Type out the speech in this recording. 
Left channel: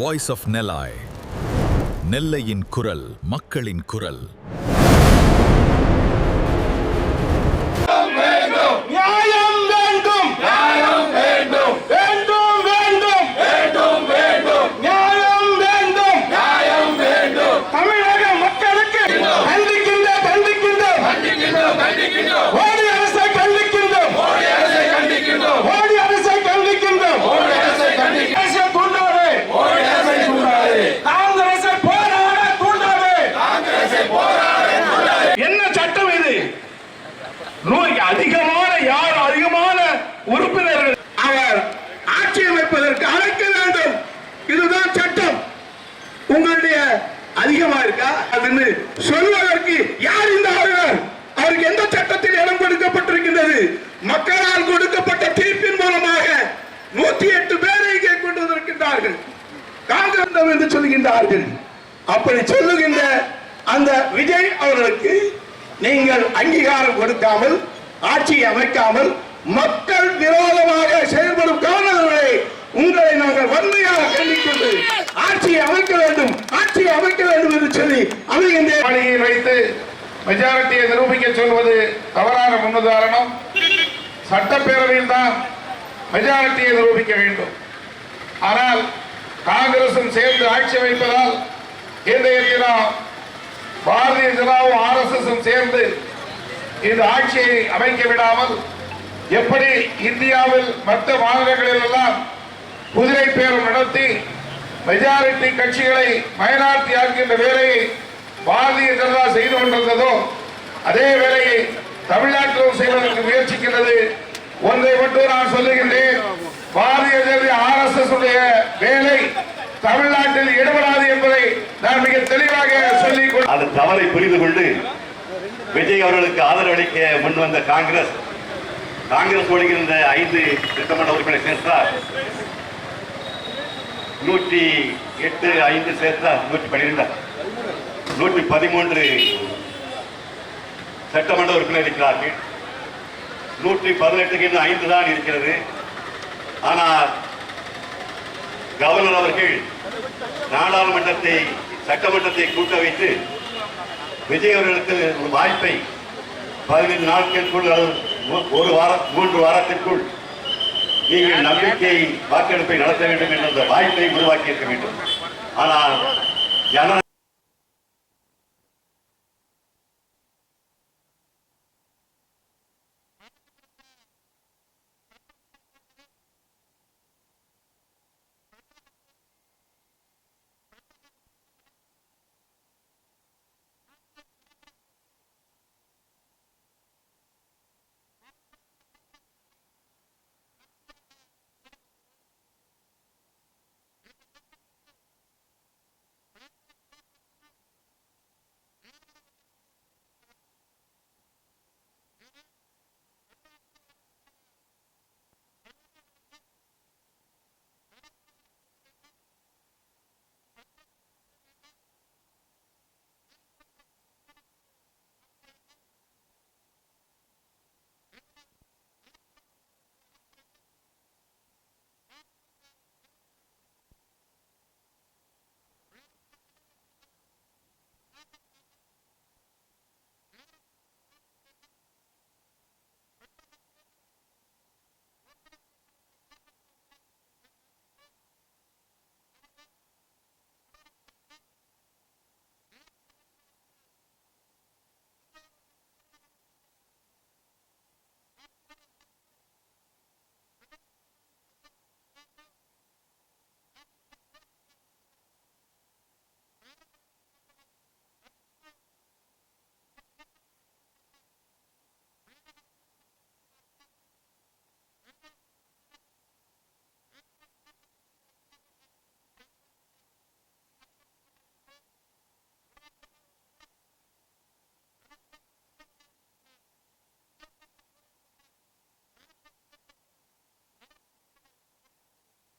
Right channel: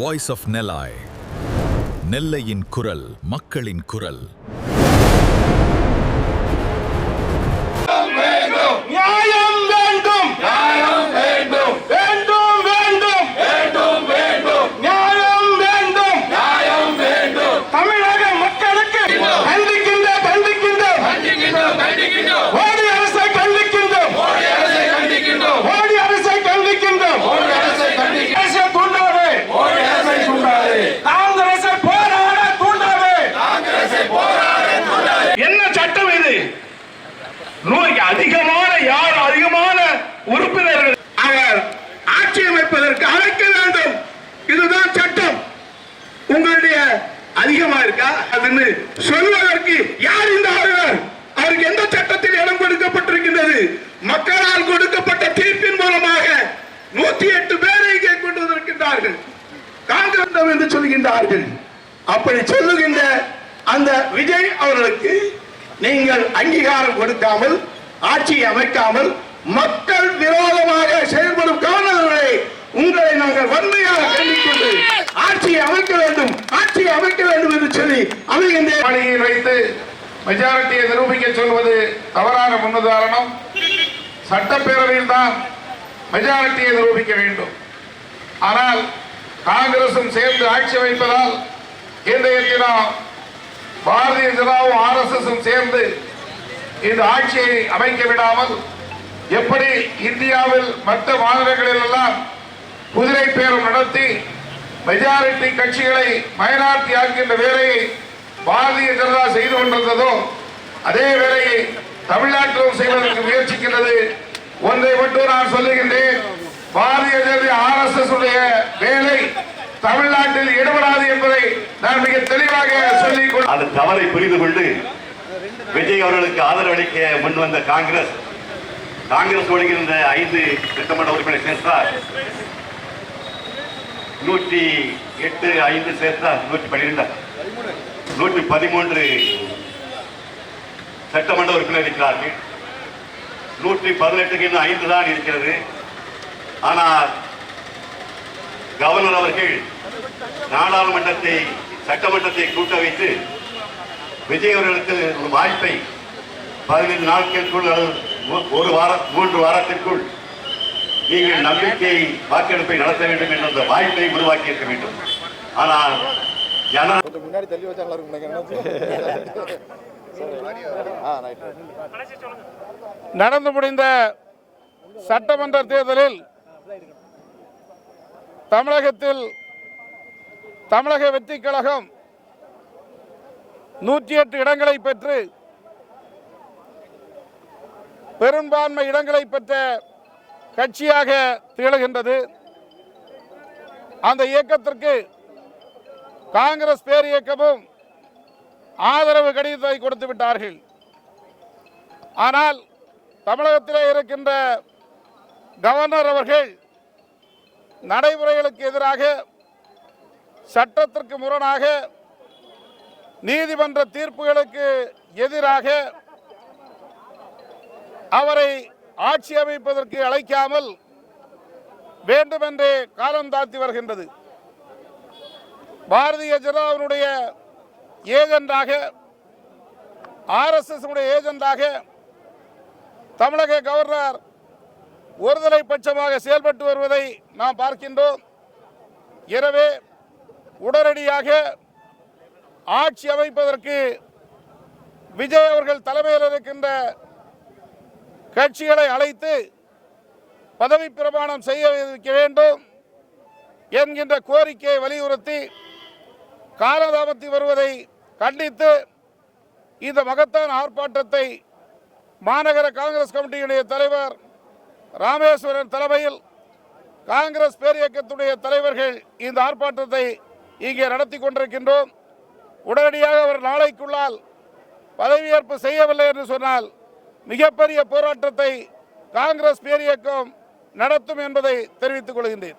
Voice of நெல்லாய், நெல்லையின் குரல், மக்களின் குரல். அதிகமான உறுப்பினர்கள் அவர் ஆட்சி அமைப்பதற்கு அழைக்க வேண்டும். இதுதான் சட்டம். உங்களுடைய அதிகமா இருக்கா அதுன்னு சொல்வதற்கு யார் இந்த ஆளுநர்? அவருக்கு எந்த சட்டத்தில் இடம் கொடுக்கப்பட்டிருக்கின்றது? மக்களால் கொடுக்கப்பட்ட தீர்ப்பின் மூலமாக 108 பேரை இங்கே கொண்டு வந்திருக்கின்றார்கள். காங்கிரஸ் என்று சொல்கின்றார்கள். அப்படி சொல்லுகின்ற அந்த விஜய் அவர்களுக்கு நீங்கள் அங்கீகாரம் கொடுக்காமல், ஆட்சியை அமைக்காமல், மக்கள் விரோதமாக செயல்படும் காரணங்களை உங்களை நாங்கள் வன்மையாக கண்டிக்கிட்டு ஆட்சியை அமைக்க வேண்டும், ஆட்சியை அமைக்க வேண்டும் என்று சொல்லி அமைகின்ற பணியில் வைத்து மெஜாரிட்டியை நிரூபிக்க சொல்வது தவறான முன்னுதாரணம். சட்டப்பேரவையில் தான் மெஜாரிட்டியை நிரூபிக்க வேண்டும். ஆனால் காங்கிரசும் சேர்ந்து ஆட்சி அமைப்பதால் இன்றைய தினம் பாரதிய ஜனதாவும் RSSும் சேர்ந்து இந்த ஆட்சியை அமைக்க விடாமல் எப்படி இந்தியாவில் மற்ற மாநிலங்களில் எல்லாம் குதிரை பேரம் நடத்தி மெஜாரிட்டி கட்சிகளை மைனாரிட்டி ஆக்கின்ற வேலையை பாரதிய ஜனதா செய்து கொண்டிருந்ததோ அதே வேலையை தமிழ்நாட்டிலும் செய்வதற்கு முயற்சிக்கின்றது. ஒன்றை மட்டும் நான் சொல்லுகின்றேன், பாரதிய ஜனதா RSS உடைய வேலை தமிழ்நாட்டில் ஈடுபடாது என்பதை நான் மிக தெளிவாக சொல்லிக் கொண்டு அது தவறை புரிந்து கொண்டு விஜய் அவர்களுக்கு ஆதரவு அளிக்க முன்வந்த காங்கிரஸ் ஒழுங்கிருந்த 5 சட்டமன்ற உறுப்பினர் சேர்த்தார். 108 5 சேர்த்தார் 112 113 சட்டமன்ற உறுப்பினர் இருக்கிறார்கள். 118க்கு இன்னும் 5 தான் இருக்கிறது. ஆனால் கவர்னர் அவர்கள் நாடாளுமன்றத்தை சட்டமன்றத்தை கூட்ட வைத்து விஜய் அவர்களுக்கு ஒரு வாய்ப்பை 15 நாட்களுக்குள் 3 வாரத்திற்குள் நீங்கள் நம்பிக்கை வாக்கெடுப்பை நடத்த வேண்டும் என்ற வாய்ப்பை உருவாக்கி இருக்க வேண்டும். ஆனால் நடந்து முடிந்த சட்டமன்ற தேர்தலில் தமிழகத்தில் தமிழக வெற்றிக் கழகம் 108 இடங்களை பெற்று பெரும்பான்மை இடங்களை பெற்ற கட்சியாக திகழ்கின்றது. அந்த இயக்கத்திற்கு காங்கிரஸ் பேர் இயக்கமும் ஆதரவு கடிதத்தை கொடுத்து விட்டார்கள். ஆனால் தமிழகத்திலே இருக்கின்ற கவர்னர் அவர்கள் நடைமுறைகளுக்கு எதிராக, சட்டத்திற்கு முரணாக, நீதிமன்ற தீர்ப்புகளுக்கு எதிராக அவரை ஆட்சி அமைப்பதற்கு அழைக்காமல் வேண்டுமென்றே காலம் தாழ்த்தி வருகின்றது. பாரதிய ஜனதாவினுடைய ஏஜெண்டாக, RSS ஏஜெண்டாக தமிழக கவர்னர் ஒருதலை பட்சமாக செயல்பட்டு வருவதை நாம் பார்க்கின்றோம். எனவே உடனடியாக ஆட்சி அமைப்பதற்கு விஜய் அவர்கள் தலைமையில் இருக்கின்ற கட்சிகளை அழைத்து பதவி பிரமாணம் செய்ய வைக்க வேண்டும் என்கின்ற கோரிக்கையை வலியுறுத்தி காலதாமத்தி வருவதை கண்டித்து இந்த மகத்தான ஆர்ப்பாட்டத்தை மாநகர காங்கிரஸ் கமிட்டியுடைய தலைவர் ராமேஸ்வரன் தலைமையில் காங்கிரஸ் பேரியக்கத்துடைய தலைவர்கள் இந்த ஆர்ப்பாட்டத்தை இங்கே நடத்தி கொண்டிருக்கின்றோம். உடனடியாக அவர் நாளைக்குள்ளால் பதவியேற்பு செய்யவில்லை என்று சொன்னால் மிகப்பெரிய போராட்டத்தை காங்கிரஸ் பேரியக்கம் நடத்தும் என்பதை தெரிவித்துக் கொள்கின்றேன்.